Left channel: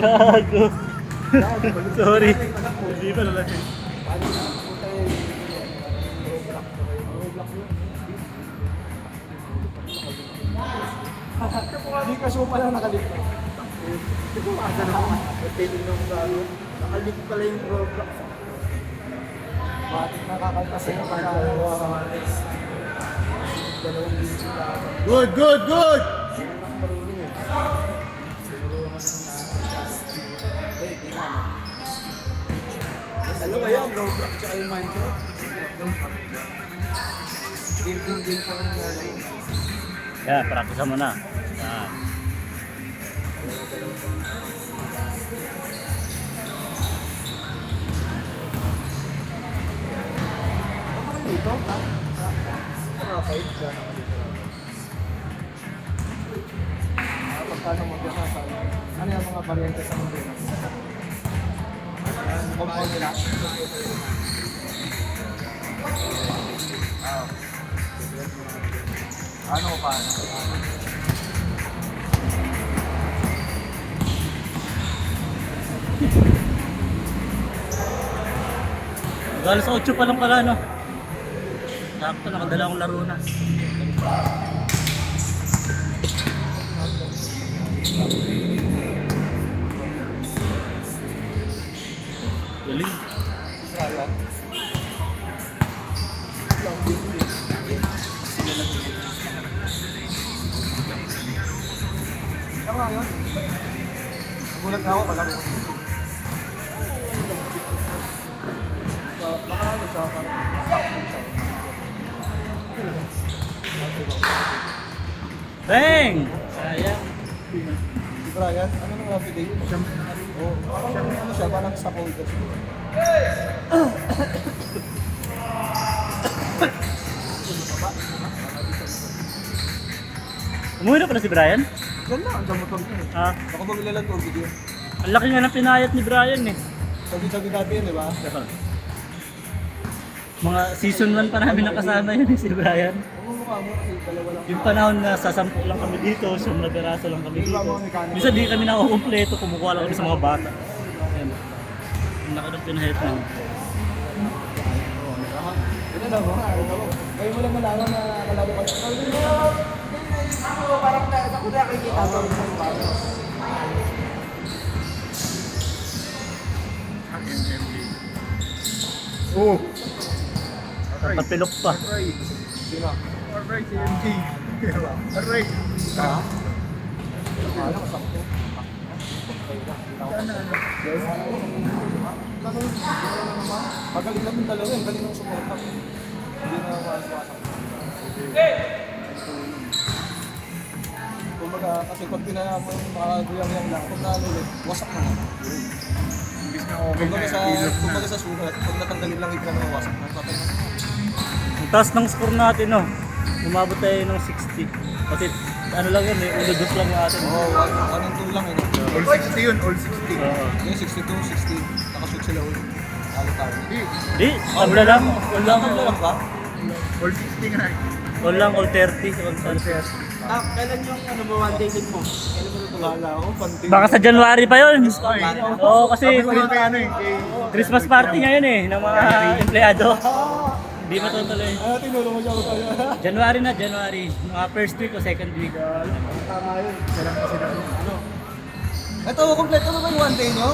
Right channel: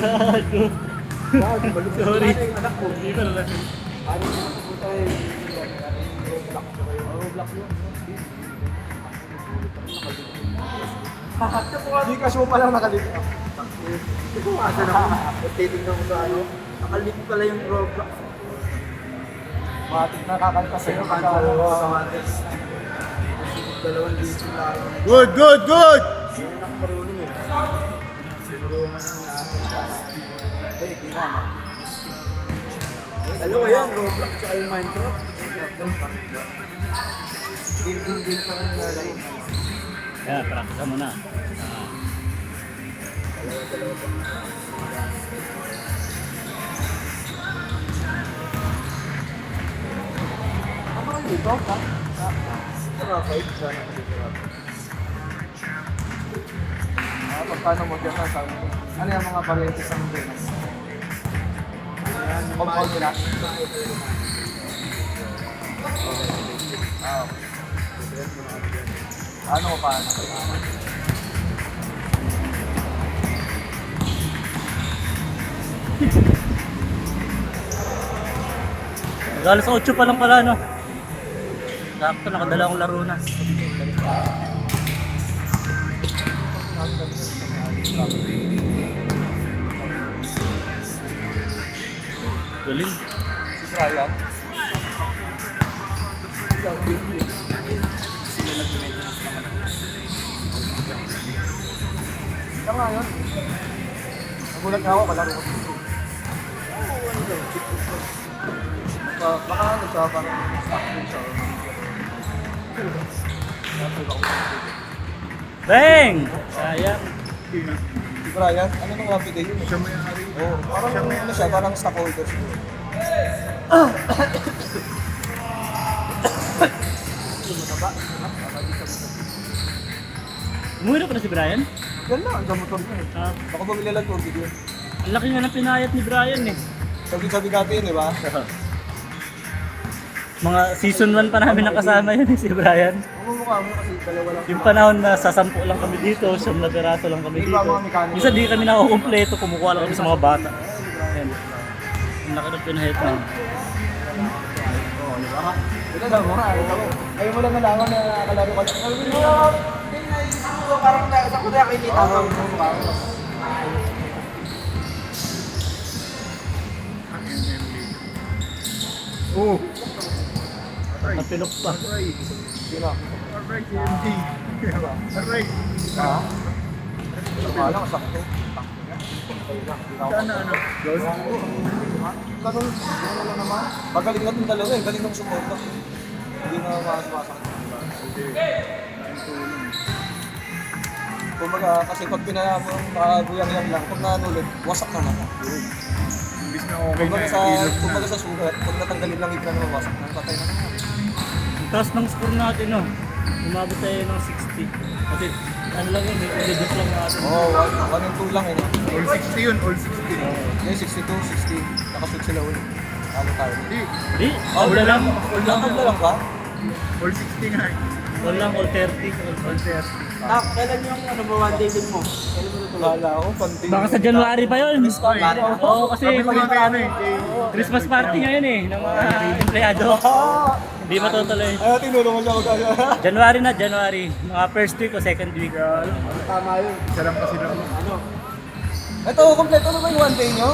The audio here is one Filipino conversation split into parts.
Gago. Sorry. Hindi pa naman. Hindi ka show pa lang nakalito. Hindi ko asa na. Titignan ko sa ano. Nakalito pala yung Roblox. Matik nakakaltas sa kanto sa Matis. Dalawang dito lang. Good, good, good! Ano kaya ang Roblox sa yung Minecraft? Game pa rin nalaro. Yan, practice mo na. Ako rin dito, ha? Kahit dyan ako dito. Paano mo dyan sa ano yung mga variety sa mundo? Compound nila? Ano mo pa? Galos sa 8 pa lang pala, no? Sakto, nakadala akong laro na. Galing. Kaya? Tama yun. Nagulat na ako, palaro ko. Baka ano siya, parang stock din siya. Bang! Sayang. Si Brian, ano nung mga bigay yun? Siya may ari. Oo, parang ano siya, parang stockholder siya. Umuwi na pala si Brian? Yan lang, andyan motor niya eh. Ah, Baka bumili lang tour video. ang laki nga ng pinayat ni Brian eh. Sabi dati yun, di ba? Mga season 1 pa namin nakasama yun si Brian. Mumukha mo kasi dalawa lang. Yung panahon na sa 10 lang kami dito, 10 na piraso lang kami dito. Minsan di kami nakakumpleto, kumukuha lang kami sa mga bata. Yan. Ang laki ng pinahit na. Ito lang mo nga, ito mo. Ngayon mo lang nalaman na nakalaro ka. Sabi mo, ako parang sa kuya nakikita mo yung parang. Oh! Napilok pa. Sino? Alright, MG. Alright. Ha? Alam, sakto. Sana ano? Magaling natin dalawa eh, galing ng suporta. Hindi na makaswasa. Kumbaga, kasi pag pinayaan mo, makaguyang lang, pag nanulit, wasak naman. Imbis na okay na, ilog na. Kumbaga sa sugat, pag natanggalin lang ika na wasak na, patay na naman. Ang taas ng score natin, no? Umabot tayo ng 60. Kasi ano lang yun, i-edit lang natin. Oo, 1 and 2 lang eh. All 60 yun, all 60. Ngayon 62, 60, nakashoot sila ulit. Talo tayo. Hindi, Di, all na lang. All lang ba? all 60 nga eh. All lang, all 30. All 30. Kailan yung ano mo, one day din mo? Kailan mo ito? Wala ako, pandi. Baka sa January pa yun. Ay, Oo, kasi sabi ko nga kay ano eh, kay... Christmas party ngayon eh, ng mga empleyado. Hindi matutuloy. Ay, tinulong mo siya ako tayo. January na, January. Mga first week o second week. Tama yun. Isa lang kasi na. Ito, kompleto na ba yung one day nyo?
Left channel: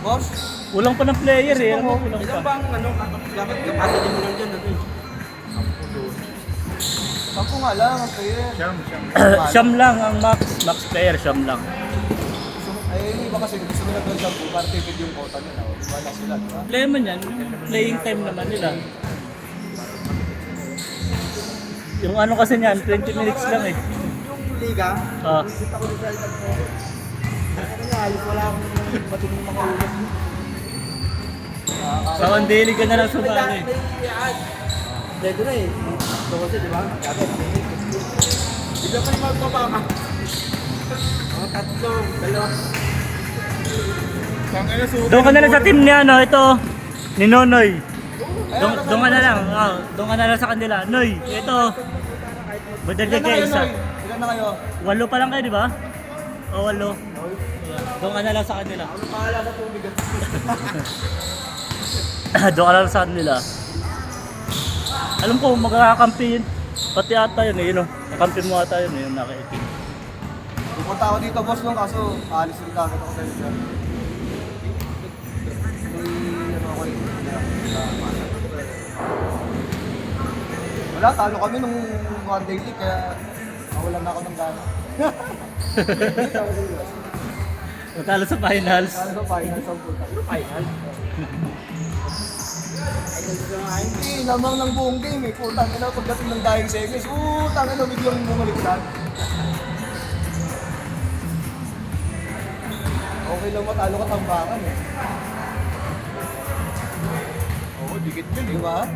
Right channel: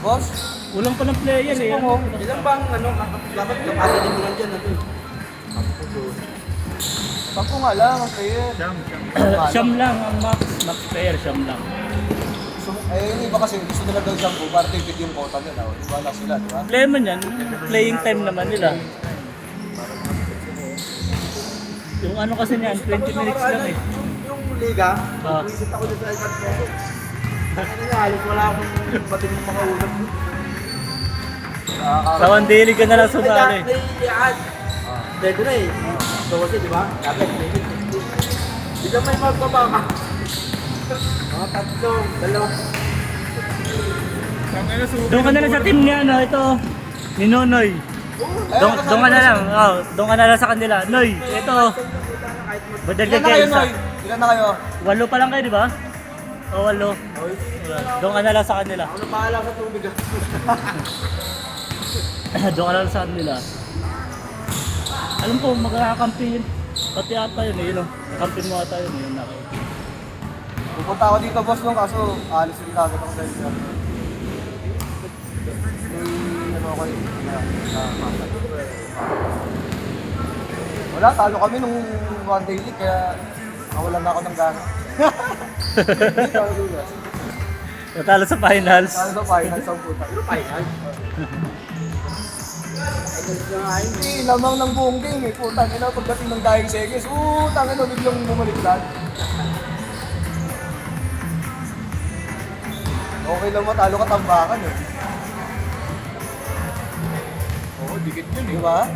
Boss? Kulang pa ng player eh. Ilan bang ano, dapat kapatid mo lang dyan na doon? Sampo nga lang, ang player. Siyam lang ang max player, siyam lang. Eh, yung iba kasi gusto nila doon sampo, para tipid yung quota nila. Wala sila, di ba? Problema niyan, playing time naman nila. Yung ano kasi niyan, 20 minutes lang eh. Yung liga, Ah. visit ako dito sa iPad ko. Nangyari, wala akong batin ng mga ulit. Sa one daily ka na lang sumali. Dito na eh. Ito kasi, di ba? Hindi ka may magkabama. Mga tatlo, dalawa. Doon ka na lang sa team niya, no? Ito, ni Nonoy. Doon ka na lang, doon ka na lang sa kanila. Noy, ito. Badal ka kayo isa. Ilan na kayo? 8 pa lang kayo, di ba? O Kawalo. Doon ka na lang sa kanila. Ano pahala sa tubig? Doon ka na lang sa kanila. Alam ko, magkakakampi yun. Pati ata yun eh, yun. Kampi mo ata yun eh, yung nakikita. Pupunta ako dito boss nung kaso alis din agad ako dahil sa ano ako wala, talo kami nung one day league kaya nawalan na ako ng gana. Natalo sa finals. Ano sa final sa puta? Final? Hindi, lamang ng buong game eh. Putang ina, pagdating ng dying seconds, putang ina, biglang bumaliktad. Okay lang matalo ka tambakan eh. Oo, dikit yun Di ba?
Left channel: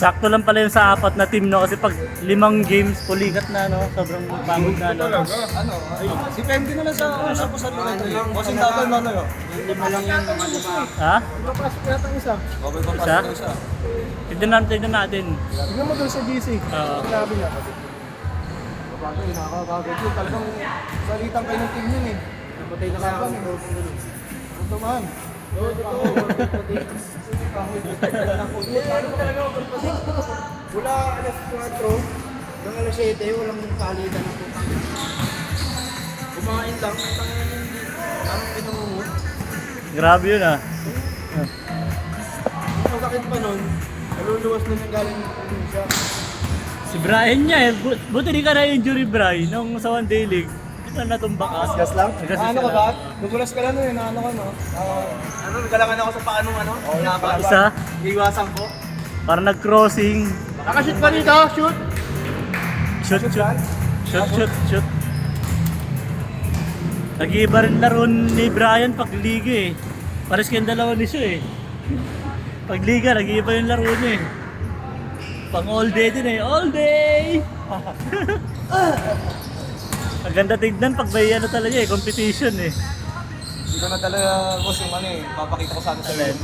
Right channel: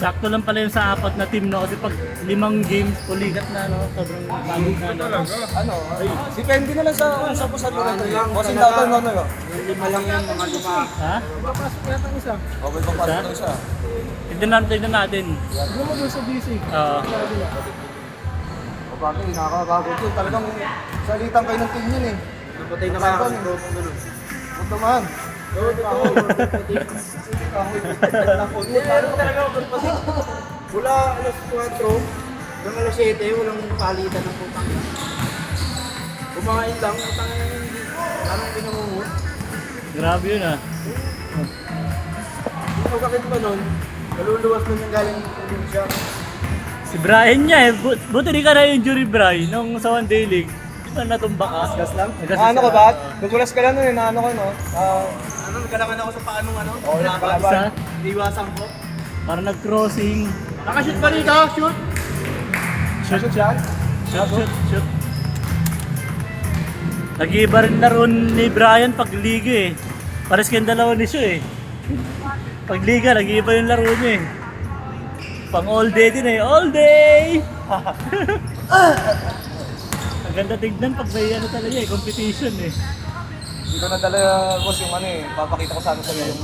Sakto lang pala yun sa apat na team, no? Kasi pag 5 games, puligat na, no? Sobrang pagod na, no? Talaga. Ano, depende na lang sa usap ko sa lugar ko yun. Kasi dapat na ano yun. Yung lima lang yan, mga lima. Ha? Papasok yata ang isa. Okay, papasok Isa? na isa. Tignan natin. Hindi mo doon sa DC. Oo. Grabe na. Babago, nakakagagod yun. Talagang salitan kayo ng team yun eh. Patay na kaya kami. Huwag naman. Mula alas 4 hanggang alas 7, walang palitan ng putang. Kumain lang, anong pinuhod? Grabe yun, ah. Ang sakit pa nun, naluluwas nun yung galing siya. Si Brian niya, eh. Buti di ka na-injury, Brian, nung sa one day league. Di ba natumba ka? Gas lang? Gas Ano ka lang. ba? Nagulas ka lang nun, ano ka no? Nagkalakan ako sa paanong ano? Oo, Isa? Iwasan ko. Parang nag-crossing. Nakashoot pa dito, shoot! Shoot, shoot. Shoot. Nag-iiba rin laro ni Brian pag liga eh. Pares kayong dalawa ni siya eh. Pag liga, nag-iiba yung laro niya eh. Pang all day din eh. All day! Ang ganda tignan pag may ano talaga eh, competition eh. Hindi ko nadala, boss, yung ano eh, papakita ko sa amin sa loob.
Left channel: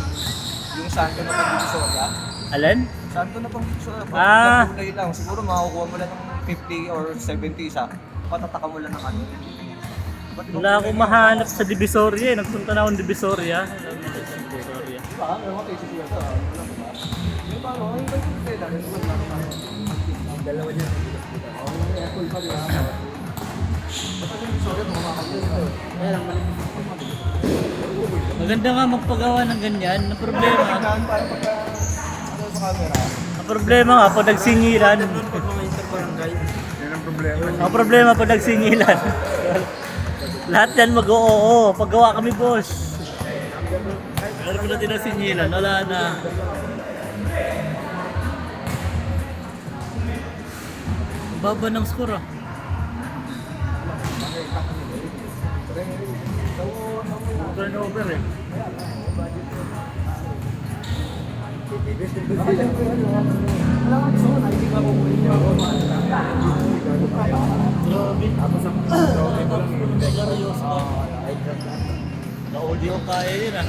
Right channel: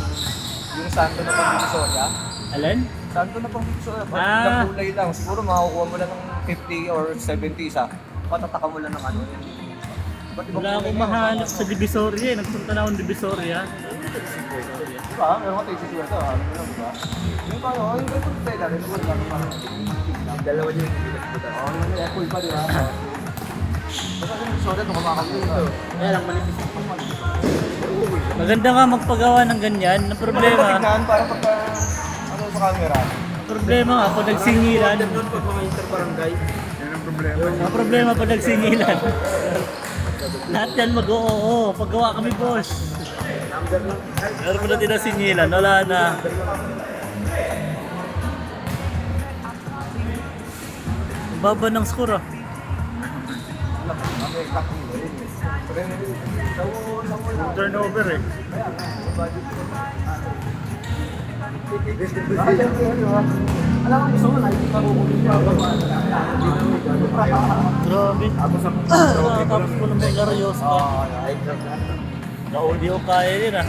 Yung santo na pang-Divisoria. Alin? Santo na pang-Divisoria. Ah. Pag kulay lang, siguro makakuha mo lang ng 50 or 70 isa. Patataka mo lang ng ano. Ba't di ba Wala akong kulay mahanap sa Divisoria eh. Nagpunta na akong Divisoria. yun? Di ba? Ano mo tayo sa siya? Di ba? Ano ba ito tayo? Dalawa niya. May apple pa rin. Basta yung Divisoria, kumakakalito. Kaya lang maliit. Maganda nga magpagawa ng ganyan. Ang problema, Tignan para pagka ano sa camera. ang problema nga pag nagsingilan. Yan ang problema. Ang problema pag nagsingilan. Lahat yan mag-oo. Paggawa kami, boss. Pero pag natin singilan, wala na. Ang baba ng score ah. Turnover eh. Grabe. Tapos kung nag-aryos ka. Na-audio kaya yun ah.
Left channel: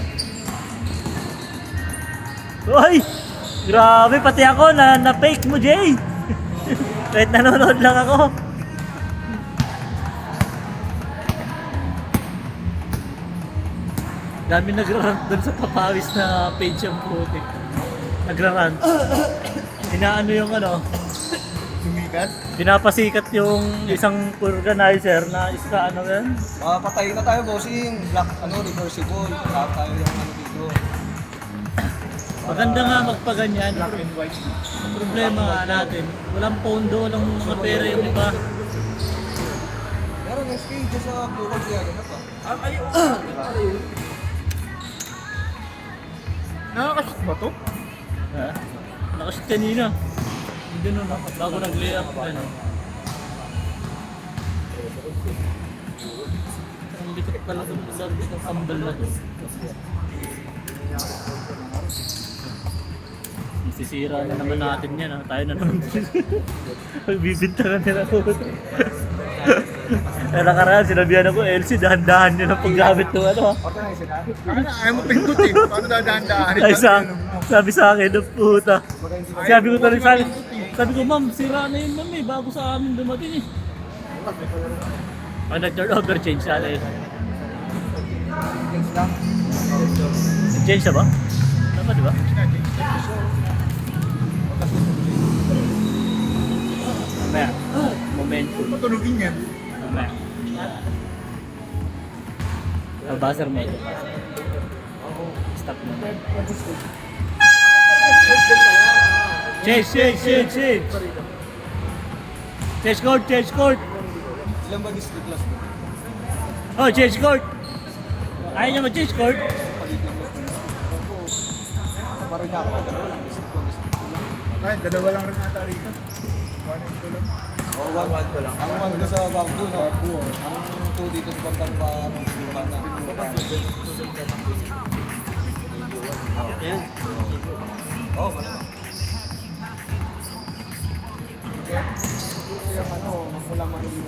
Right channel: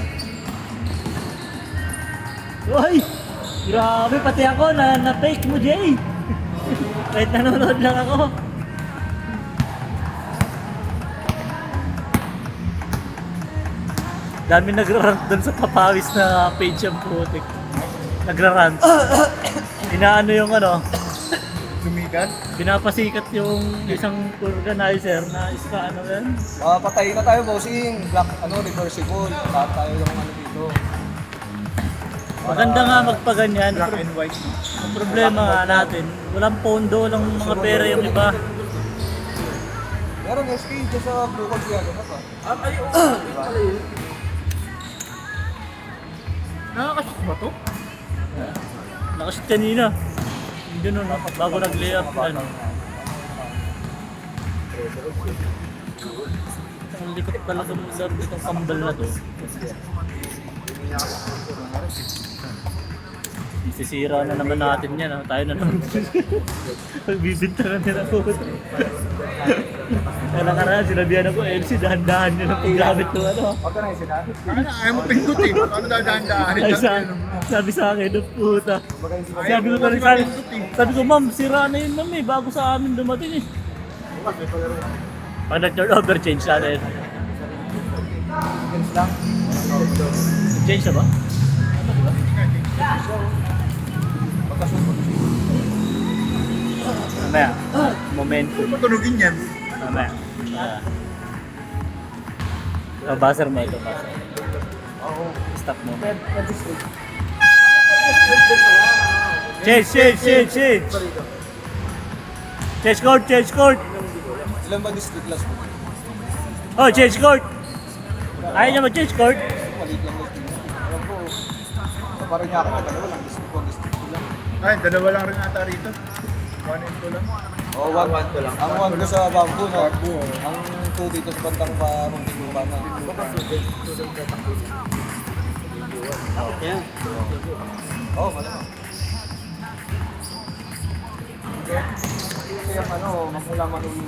Uy! Grabe, pati ako na-fake mo, Jay! Kahit nanonood lang ako. Dami nagra-rant doon sa papawis na page yung putik. Nagra-rant. Inaano yung ano, Sumikat. binapasikat yung isang organizer na isa ano yan. Patay na tayo, bossing. Black, reversible. Lahat tayo yung ano dito. Maganda nga magpaganyan. Black and white. Ang problema nga natin, walang pondo, walang mga pera yung iba. Meron SK dyan sa Blue Card kaya ganap pa. Diba? Nakakashoot ba to? Ha? Nakashoot kanina. Hindi nun, bago nag-layup. Ano. Ang likot pala itong itong kambal na to. Isisira na naman natin yan. Tayo na naman. Pagbibintangan nila ako. Eh nakaraan, sinabihan ako, LC, dahan-dahan nyo ng paggamit ng ano. Organize na. Ayaw mo pindot eh. Paano dadaan-daanin? Ay, sabi sa akin, "Oh, puta." Sabi ko talaga, sabi ko, ma'am, sira na yun ma'am eh, bago sa amin dumating eh. Pag nag-turnover, change natin. Ganun lang. Change na ba? Tama, di ba? Mamaya. Momentum. Patunogin yan. Mamaya. Buzzer mo ito. Stop mo. Change, change, change, change. Change court, change court. Ilan ba district class mo? Oh, change court. Ayaw niya mag-change court. Palit lang mas parang kakakagano lang. District lang. Ay, dalawa lang rin ata rito. 1 ko lang. Oo, 1 ko lang. Ang 1 ko sa Bangko, no? Ang 2 dito sa Bantang pa, na. Okay. Oo, malamang. Kaya ano, magmula magiging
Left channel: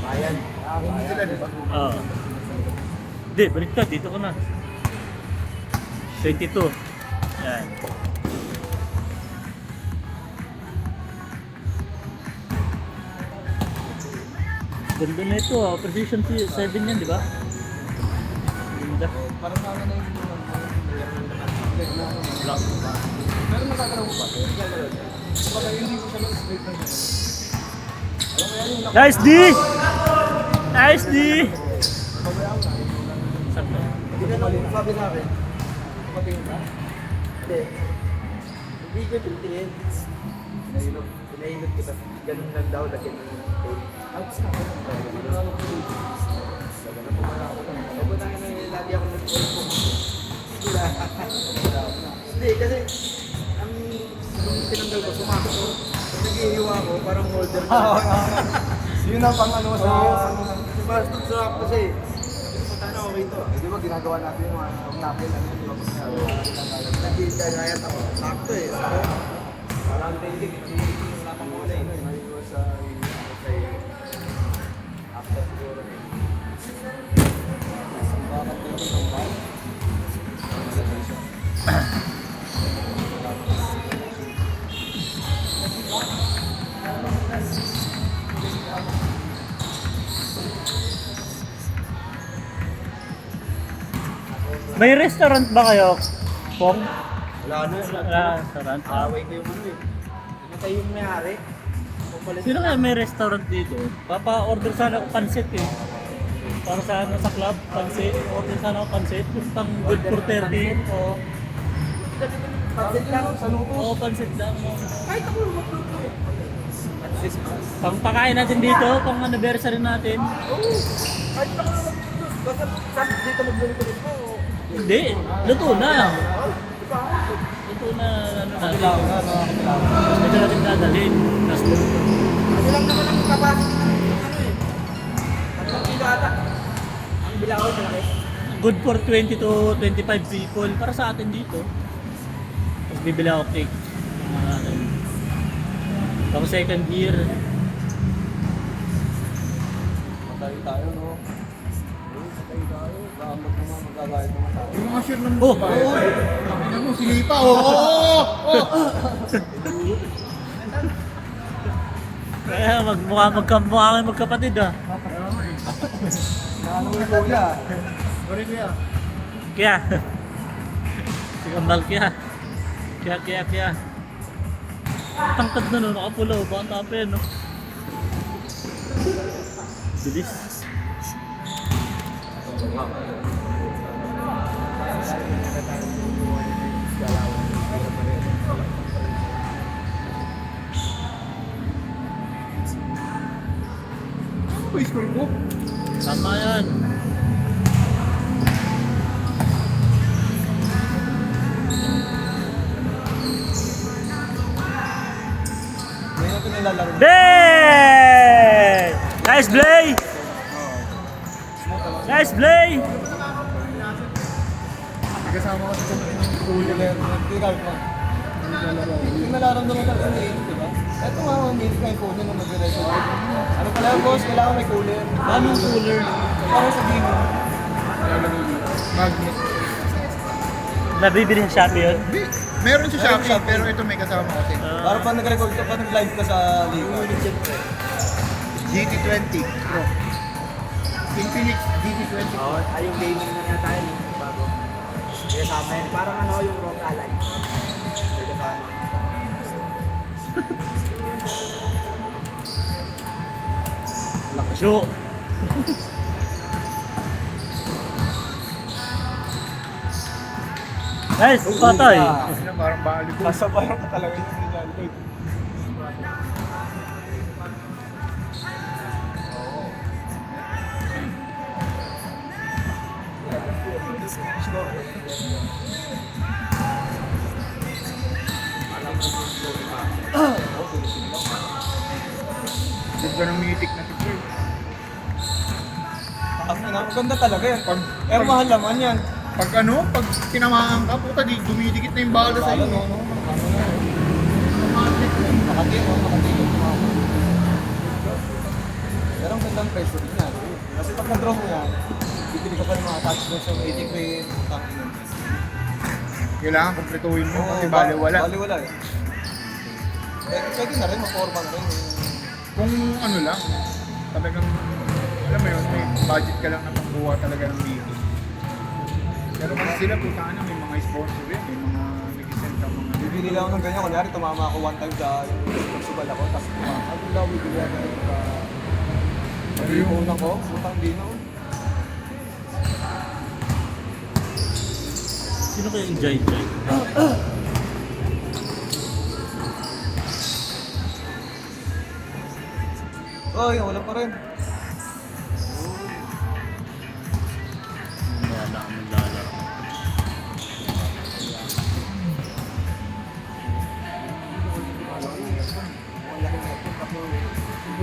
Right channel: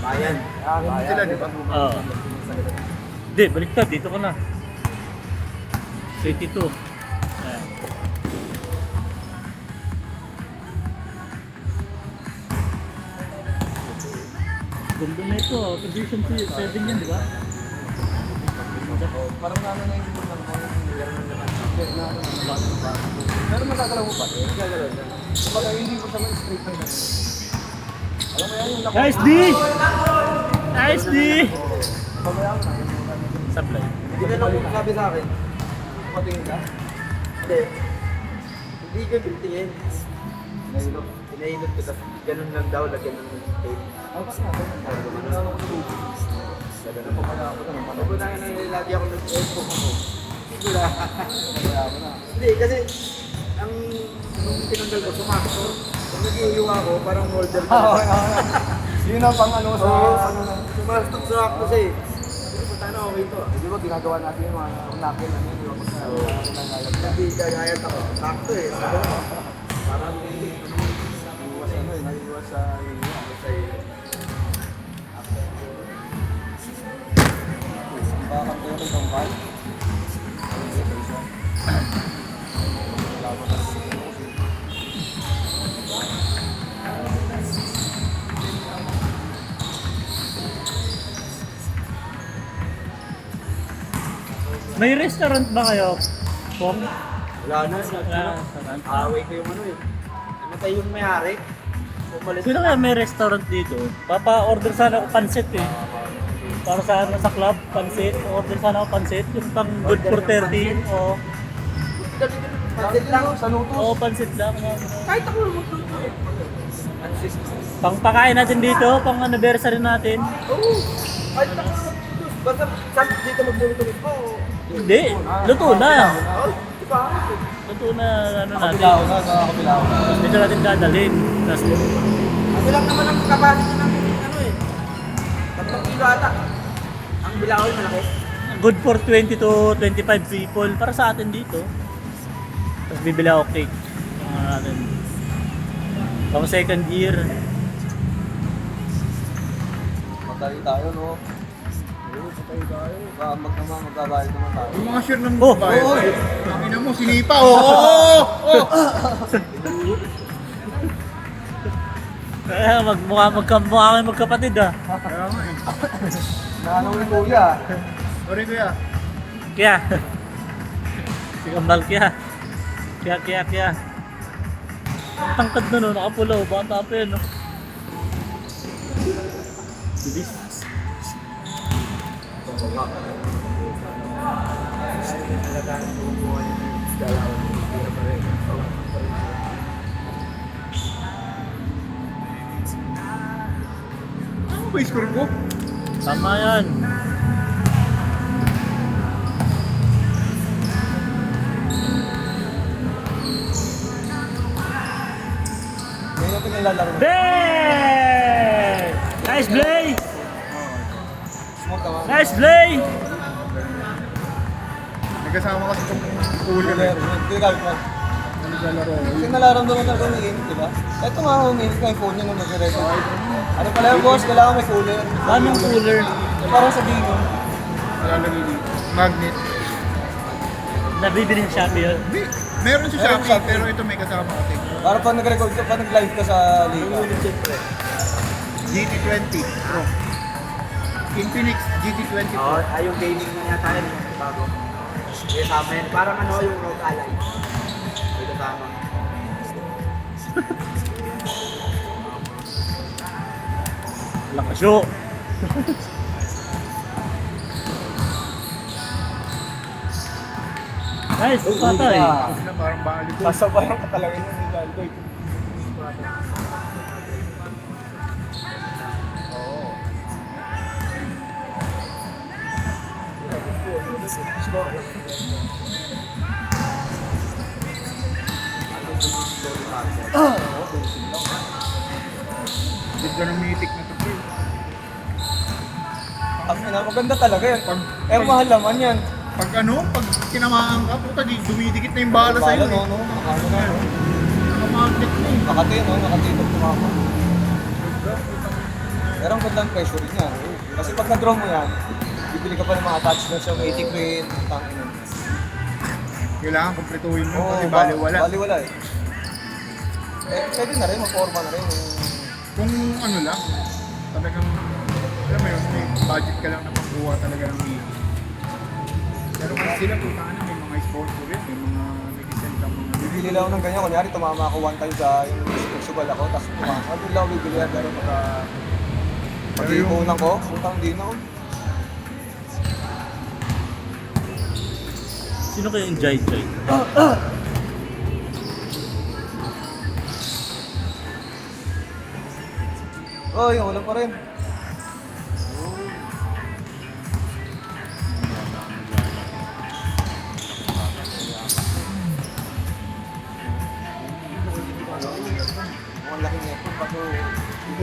bayan. Ganun sila, di ba? Oo. Hindi, baliktad. Dito ka na. 22. Yan. Ganda na ito. Position 7 yan, di ba? Parang namin na yung ng pero magagalaw mo pa. Kapag hindi mo siya mag-straight na gano'n. Alam mo yan yung Nice D! Nice D! Sablo. Hindi na lang sabi sa akin. Patingin ka? Hindi. Hindi ka pitingin. Pinailot kita. Ganun lang daw. Lagyan ng tape. Pag na nilati ako ng Facebook ko. Hindi, kasi ang tinanggal ko, pumasok ko. Pag nag-iiwa ako, parang molder ko. Yun ang pang ano sa ano. Basta sa kasi. Paano okay ito? Di ba ginagawa natin yung mga napil, ano yung mga nangalat. Nag-iigayayat ako. Sakto eh. Parang hindi. Naiwas sa May restaurant ba kayo? Pong? wala na. Restaurant. Away ko yung ano eh. Namatay yung may-ari. Pumalit. Sino kaya may restaurant dito? Papa-order sana ako pansit eh. Para sa club, pansit. Order sana ako pansit. Yung pang good for 30. O Pansit lang sa luto. pansit lang. Kahit ako magluto eh. Pang pakain natin dito, pang anniversary natin. Oo. Kahit ako magluto. Basta saan dito magluluto nito. Hindi, luto na. Di ba? Luto na ano natin. Kapilaw na, kapilaw. Tapos medyo natin dadalhin. Tapos Ilang naman ang capacity ng ano eh. 3 kilo ata. Ang bilao malaki. good for 20 to 25 people para sa atin dito. Tapos bibili ako cake. Pang second year. Magdali tayo, no? Magbabayad naman tayo. Yung mga share ng Oh, babae. oh. Ina mo, sinipa. Oh! Kaya mukha kami magkapatid ah. Kaya nga eh. Naano yung kuya. Sorry kuya. Kaya. Si Kamal kaya. Kaya. Ang tangkad na no, nakapulaw. Bata pa yun no. Bilis. Ano ba yung score ko? Tama yan. Ngayon natin nilalaro. Hey! Nice play! Smooth ako. Nice play! May kasama ka sa cooler eh. Yung nalaramdaman ka rin ni di ba? Ito nga ako, minit ka yung phone niya nung mag-record. Ano pala yung boss? Kailangan may cooler. Daming cooler. Parang sa Bigo. Lalagay dito. Magnet. Nabibili sa Shopee yun. Hindi. Meron sa Shopee, pero ito may kasama kasi. Para pa nag-record ka, pa nag-live ka sa liga. GT20 Pro. Infinix GT20 Pro. Oo, yung gaming na yata yun, bago. Yung kasama yun. Parang ano, yung Rock Ally. Yung kasama. Lakas yo. Nice, patay. Sila parang volleyball. Kasabayan ka talaga yung Ronaldo. Ganda ng mythic na to. Ang ina, maganda talaga yan. Mahal naman yan. Pag ano, pag tinamaan ka, puta di dumidikit na yung bala sa'yo. Eh. Makati, no? Makati, no? Pero ang gandang pressure rin yan. Kasi pag na-draw mo yan, bibili ka pa ng mga attachments sa mating crane, tangin yan. Kailangan kumpletuhin mo Oo, kasi baliwala. Baliwala eh. Pwede na rin, maporma na rin. Kung ano lang, talagang, alam mo yun, may budget ka lang na pangkuha talaga ng mythic. Pero kasi sila puta na, may mga sponsor yan, may mga nag-send ng mga Bibili lang ako ng ganyan. Kunyari, tumama ako one time sa festival ako, tapos bibili ako bibili yan. Pero pag-iipunan ko, putang di na. Sino kaya yung Jai Jai? Oy, wala pa rin.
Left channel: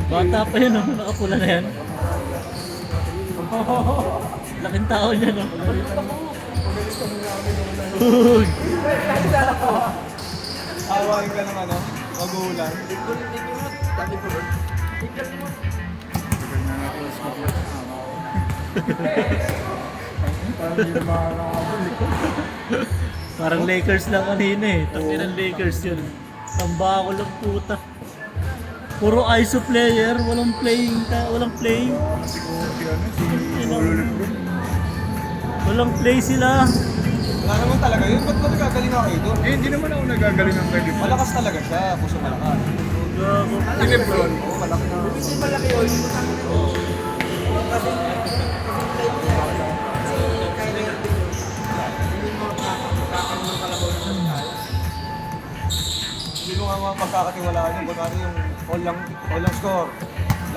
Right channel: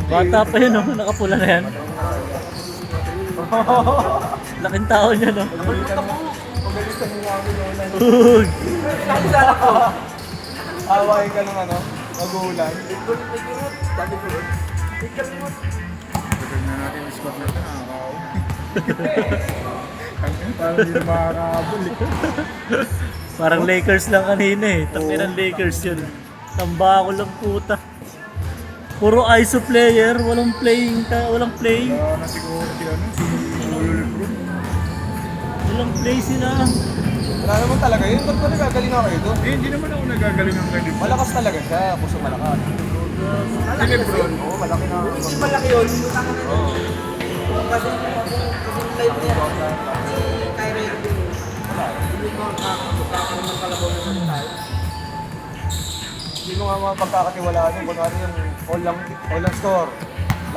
Bata pa yun, no? Nakapula na yan. Laking tao niya, no? Uy! Awain ka ng ano, magulan. tagal na natin yung squad na parang hindi na makakabal eh. Parang Lakers lang kanina eh. Tangin ng Lakers yun. Tamba ko lang puta. Puro ISO player, walang playing. Kasi ko si ano, si Lolo Lebron. Walang play sila. Wala naman talaga yun. Ba't ba nagagaling ako ito? Eh, hindi naman ako nagagaling ng kay Lebron. Malakas talaga siya, puso malakas. Si Lebron. Oo, malaki na. Hindi malaki yun. Kasi live niya. Kasi kaya rin din. Hindi mo makakapagpapang ng kalabang ng tao. Hindi mo nga mga pagkakatiwalaan yung kunwari yung all lang score.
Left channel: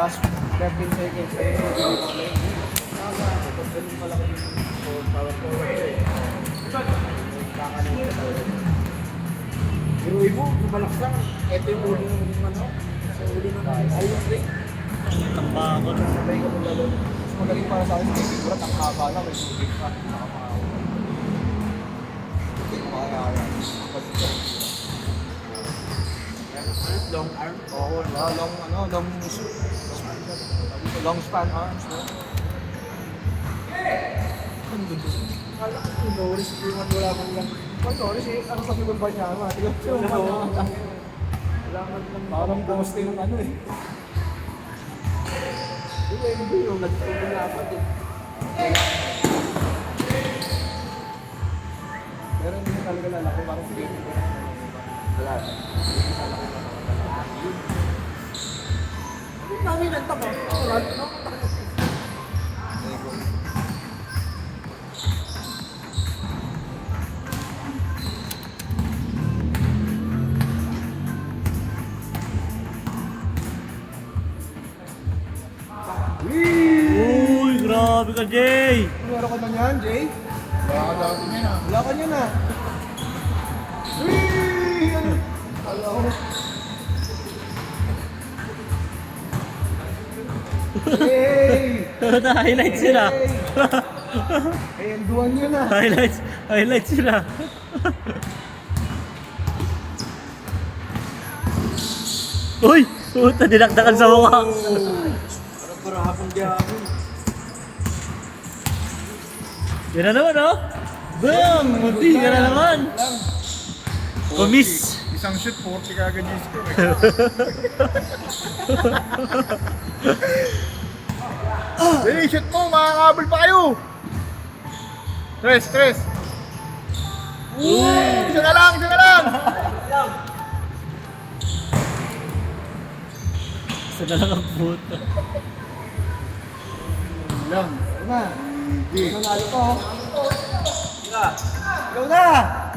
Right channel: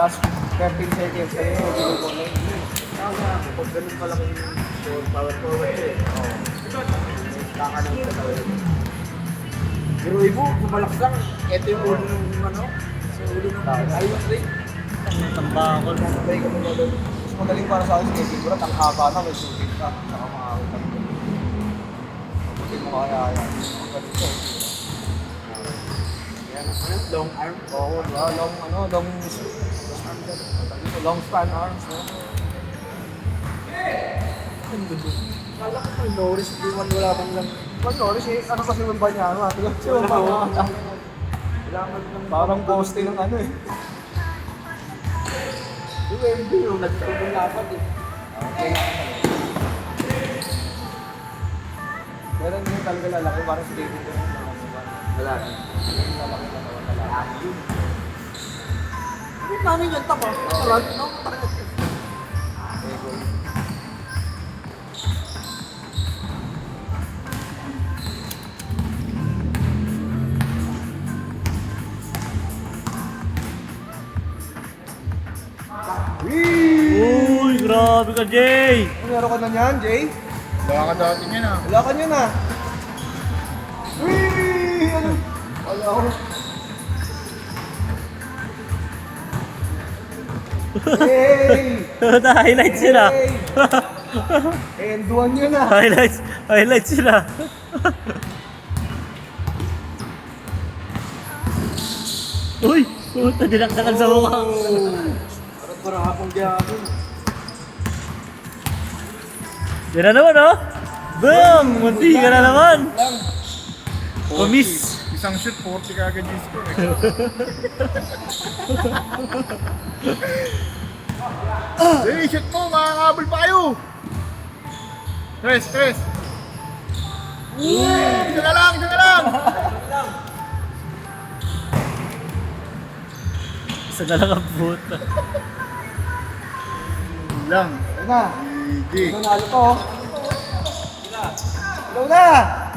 Last 13 seconds, eh, hindi mo play. Kung ganun kalaki yung power forward eh. Kakalong ka talaga. Pero mo, kumalak lang. Ito yung ulo ng ano. Sa ulo ng ayun play. Tamba ko. Sabay ka pa doon. Mas magaling para sa akin si Kevin Durant, ang haba na, may shooting ka. Saka mga hindi ko kaya yan. Ang galing siya. Long arm. Oo, long span arms, no? Kala ko yung Norris, di man wala kang lang. Pag Norris, ano kasi yung ba niya? Parang poste ng ano eh. Yung MB yung nagtulong lapat eh. Pero hindi talaga lalaki, parang si Kevin Durant. Wala. Hindi namin yung tama. Wala. Uy, grabe ka, Jay! Meron ka na niyan, Jay? Wala ka dati niya na. Wala ka niyan ah. Whee! Wala ko. Hey! Highlights yun ah. Enduan yun ah. Highlights yun ah. Uy! Puta, dinakdakan sa mukha. Parang karapang diyamin. Yan na naman oh. Boom! Munti ka na naman. Kumis. Isang shoot, 40 kagad yung score eh. Hey, shoot mo, makakabal pa kayo! Tres! Isa na lang! Isa na lang ang puta. Lang. Ayun na. Easy. Nanalo ko. Go na!